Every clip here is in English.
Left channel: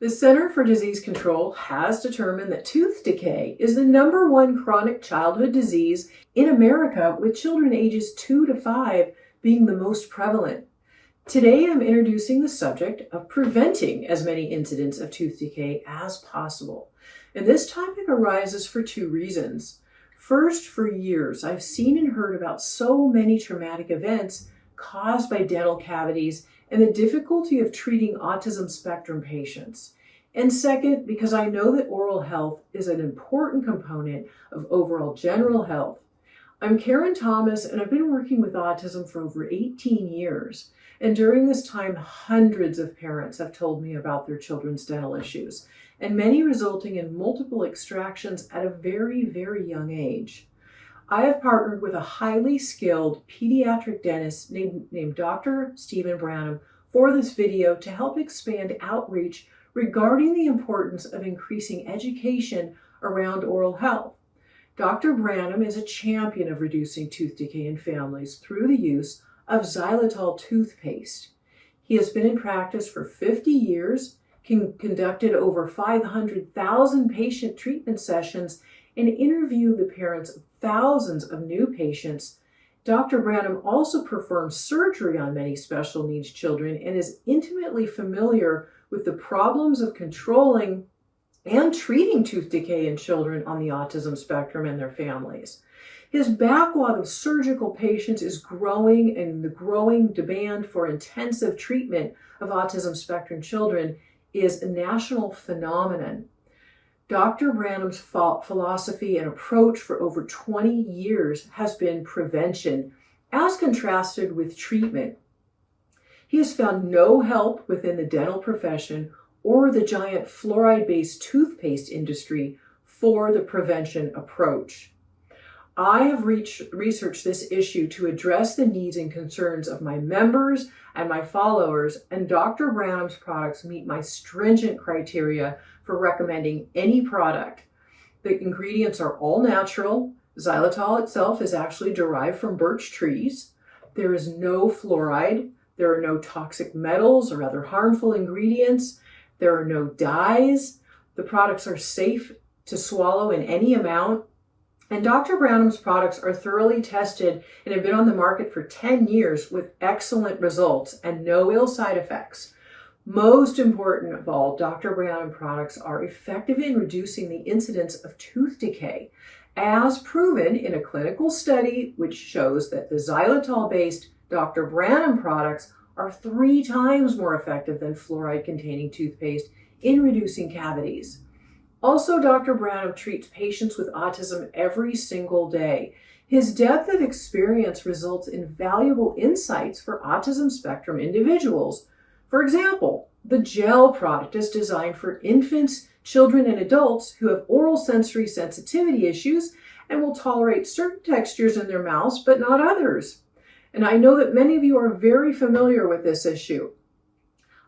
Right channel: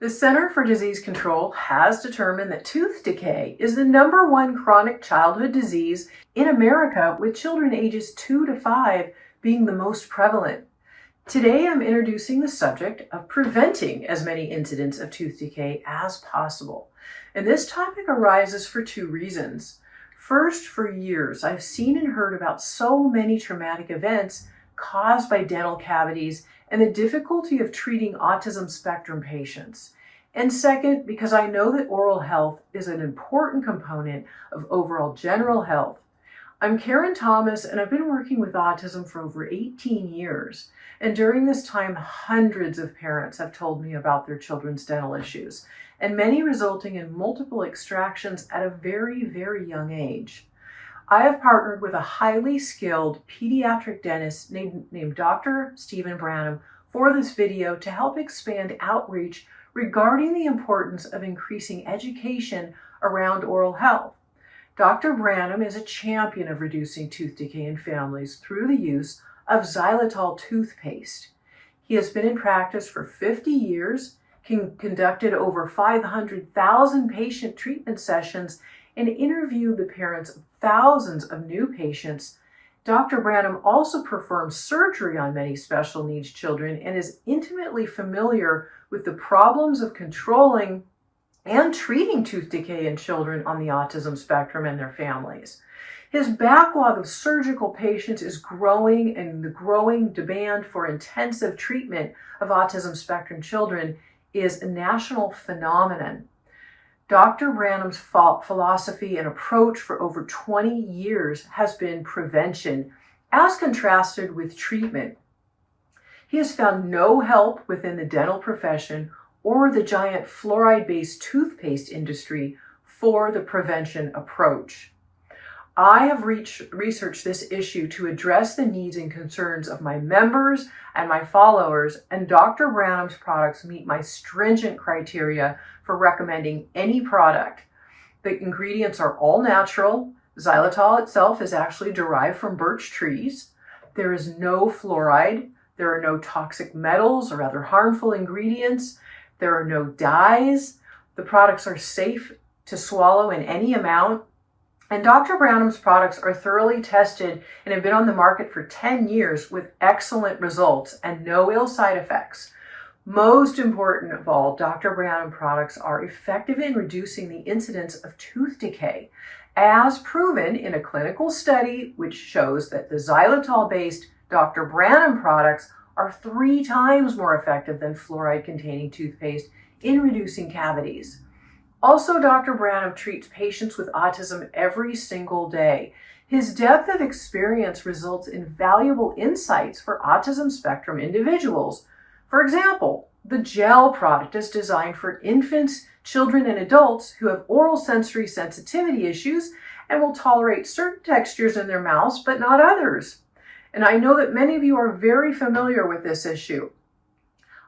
The Center for Disease Control has determined that tooth decay is the #1 chronic childhood disease in America, with children ages 2 to 5 being the most prevalent. Today, I'm introducing the subject of preventing as many incidents of tooth decay as possible. And this topic arises for two reasons. First, for years, I've seen and heard about so many traumatic events caused by dental cavities and the difficulty of treating autism spectrum patients. And second, because I know that oral health is an important component of overall general health. I'm Karen Thomas, and I've been working with autism for over 18 years. And during this time, hundreds of parents have told me about their children's dental issues, and many resulting in multiple extractions at a very, very young age. I have partnered with a highly skilled pediatric dentist named Dr. Stephen Branham for this video to help expand outreach regarding the importance of increasing education around oral health. Dr. Branham is a champion of reducing tooth decay in families through the use of xylitol toothpaste. He has been in practice for 50 years, conducted over 500,000 patient treatment sessions, and interviewed the parents of thousands of new patients. Dr. Branham also performs surgery on many special needs children and is intimately familiar with the problems of controlling and treating tooth decay in children on the autism spectrum and their families. His backlog of surgical patients is growing, and the growing demand for intensive treatment of autism spectrum children is a national phenomenon. Dr. Branham's philosophy and approach for over 20 years has been prevention, as contrasted with treatment. He has found no help within the dental profession or the giant fluoride-based toothpaste industry for the prevention approach. I have researched this issue to address the needs and concerns of my members and my followers, and Dr. Branham's products meet my stringent criteria for recommending any product. The ingredients are all natural. Xylitol itself is actually derived from birch trees. There is no fluoride. There are no toxic metals or other harmful ingredients. There are no dyes. The products are safe to swallow in any amount. And Dr. Branham's products are thoroughly tested and have been on the market for 10 years with excellent results and no ill side effects. Most important of all, Dr. Branham products are effective in reducing the incidence of tooth decay, as proven in a clinical study which shows that the xylitol-based Dr. Branham products are 3 times more effective than fluoride-containing toothpaste in reducing cavities. Also, Dr. Branham treats patients with autism every single day. His depth of experience results in valuable insights for autism spectrum individuals. For example, the gel product is designed for infants, children, and adults who have oral sensory sensitivity issues and will tolerate certain textures in their mouths, but not others. And I know that many of you are very familiar with this issue.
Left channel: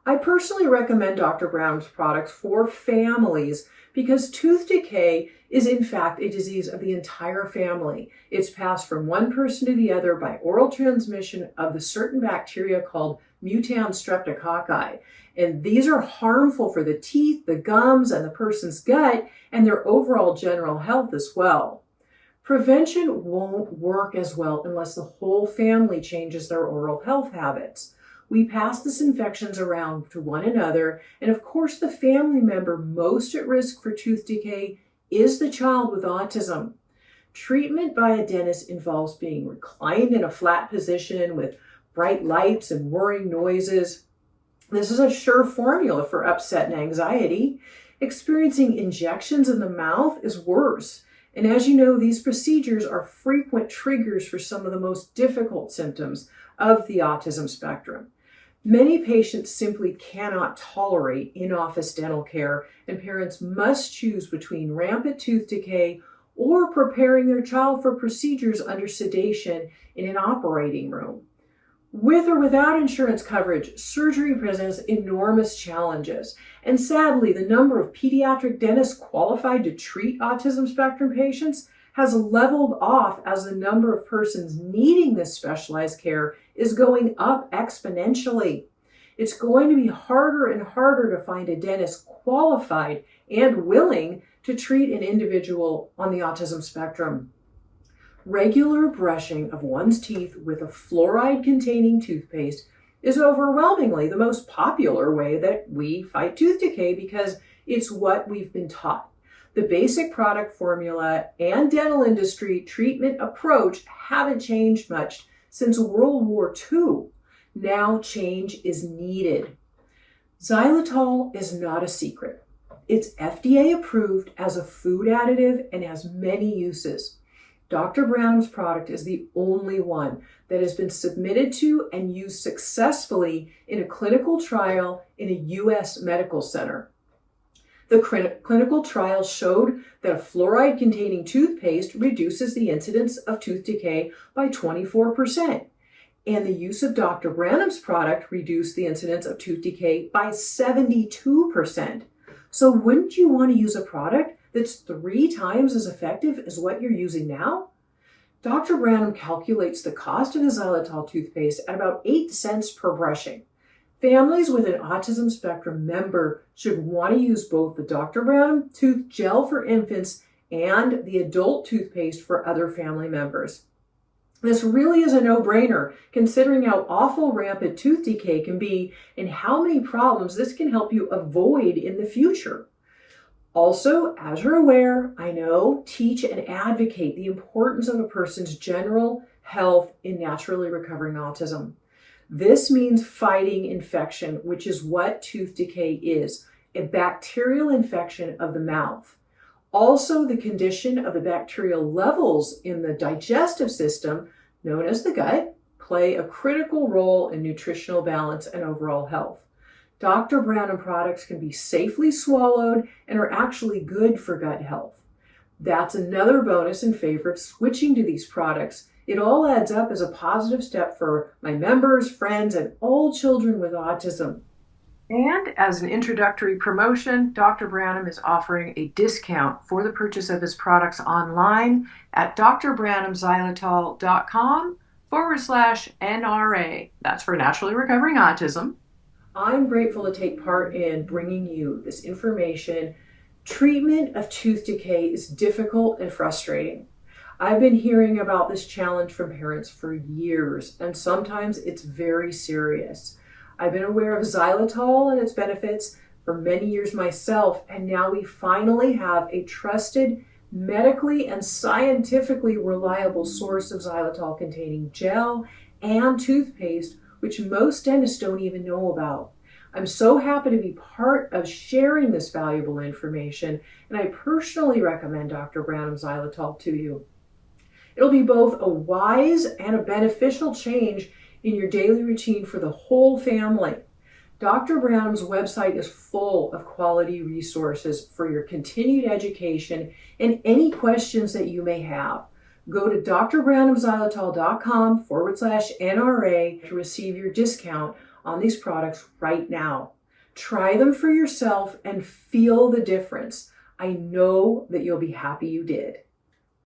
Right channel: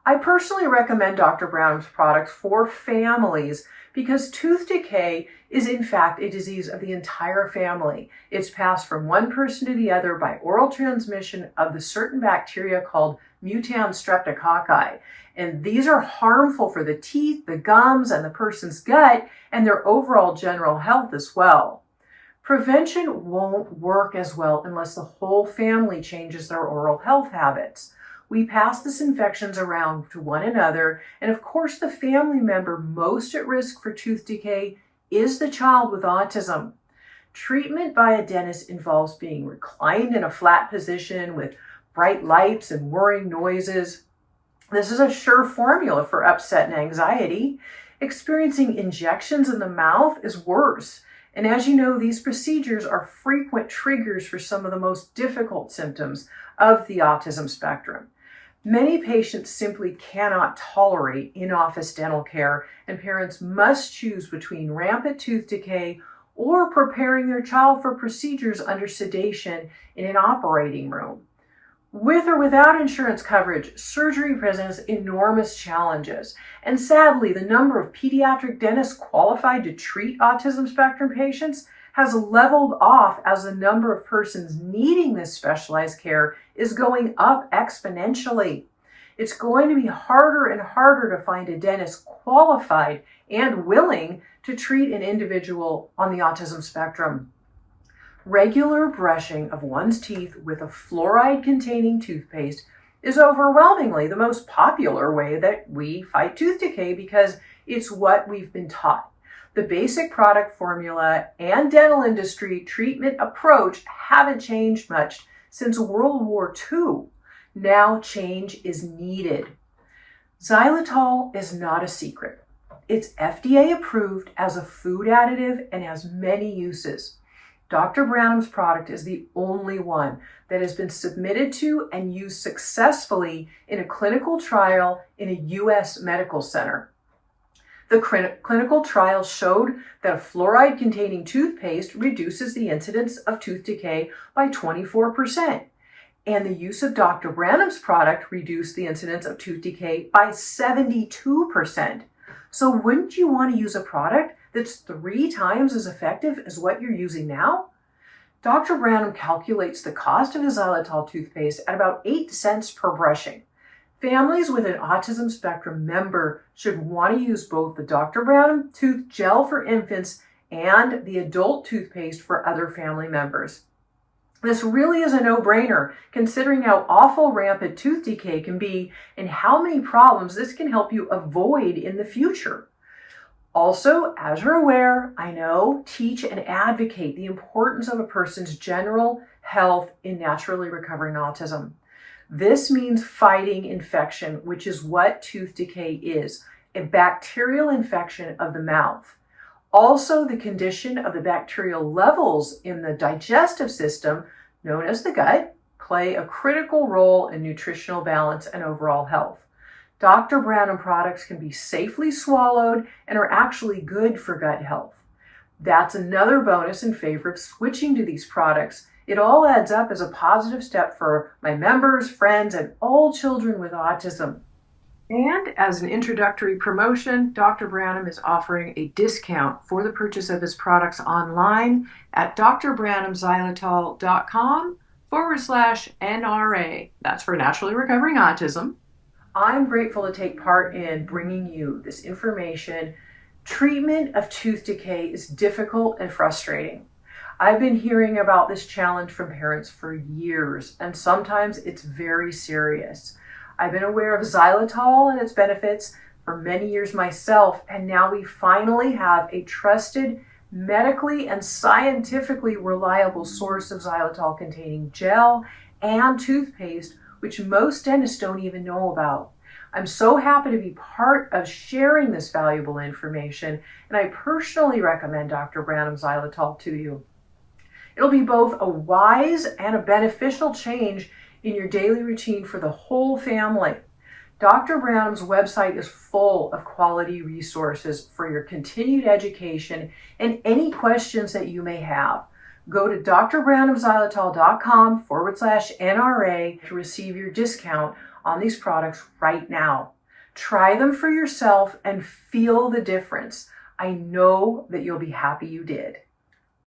I personally recommend Dr. Branham's products for families because tooth decay is in fact a disease of the entire family. It's passed from one person to the other by oral transmission of the certain bacteria called mutant streptococci. And these are harmful for the teeth, the gums, and the person's gut, and their overall general health as well. Prevention won't work as well unless the whole family changes their oral health habits. We pass these infections around to one another, and of course the family member most at risk for tooth decay is the child with autism. Treatment by a dentist involves being reclined in a flat position with bright lights and whirring noises. This is a sure formula for upset and anxiety. Experiencing injections in the mouth is worse. And as you know, these procedures are frequent triggers for some of the most difficult symptoms of the autism spectrum. Many patients simply cannot tolerate in-office dental care, and parents must choose between rampant tooth decay or preparing their child for procedures under sedation in an operating room. With or without insurance coverage, surgery presents enormous challenges. And sadly, the number of pediatric dentists qualified to treat autism spectrum patients has leveled off as the number of persons needing this specialized care is going up exponentially. it's going to be harder and harder to find a dentist qualified and willing to treat an individual on the autism spectrum. Regular brushing of one's teeth with a fluoride-containing toothpaste is overwhelmingly the most popular way that we fight tooth decay because it's what we've been taught. The basic product formula and dental industry treatment approach haven't changed much since World War II. Now change is needed. Xylitol is not a secret. It's FDA approved as a food additive and has many uses. Dr. Branham's product is the only one that has been submitted to and used successfully in a clinical trial in a U.S. medical center. The clinical trial showed that a fluoride-containing toothpaste reduces the incidence of tooth decay by 24%, and the use of Dr. Branham's product reduced the incidence of tooth decay by 72%. So wouldn't you want to use a product that's 3 times as effective as what you're using now? Dr. Branham calculates the cost of his xylitol toothpaste at about 8 cents per brushing. Families with an autism spectrum member should want to use both the Dr. Branham tooth gel for infants and the adult toothpaste for other family members. This really is a no-brainer considering how awful rampant tooth decay can be and how many problems this can help you avoid in the future. Also, as you're aware, I know, teach and advocate the importance of a person's general health in naturally recovering autism. This means fighting infection, which is what tooth decay is, a bacterial infection of the mouth. Also, the condition of the bacterial levels in the digestive system, known as the gut, play a critical role in nutritional balance and overall health. Dr. Branham products can be safely swallowed and are actually good for gut health. That's another bonus in favor of switching to these products. It all adds up as a positive step for my members, friends, and all children with autism. And as an introductory promotion, Dr. Branham is offering a discount for the purchase of his products online at drbranhamxylitol.com/NRA. That's for Naturally Recovering Autism. I'm grateful to take part in bringing you this information. Treatment of tooth decay is difficult and frustrating. I've been hearing about this challenge from parents for years, and sometimes it's very serious. I've been aware of xylitol and its benefits for many years myself, and now we finally have a trusted, medically and scientifically reliable source of xylitol-containing gel and toothpaste, which most dentists don't even know about. I'm so happy to be part of sharing this valuable information, and I personally recommend Dr. Branham xylitol to you. It'll be both a wise and a beneficial change in your daily routine for the whole family. Dr. Branham's website is full of quality resources for your continued education and any questions that you may have. Go to drbranhamxylitol.com/NRA to receive your discount on these products right now. Try them for yourself and feel the difference. I know that you'll be happy you did.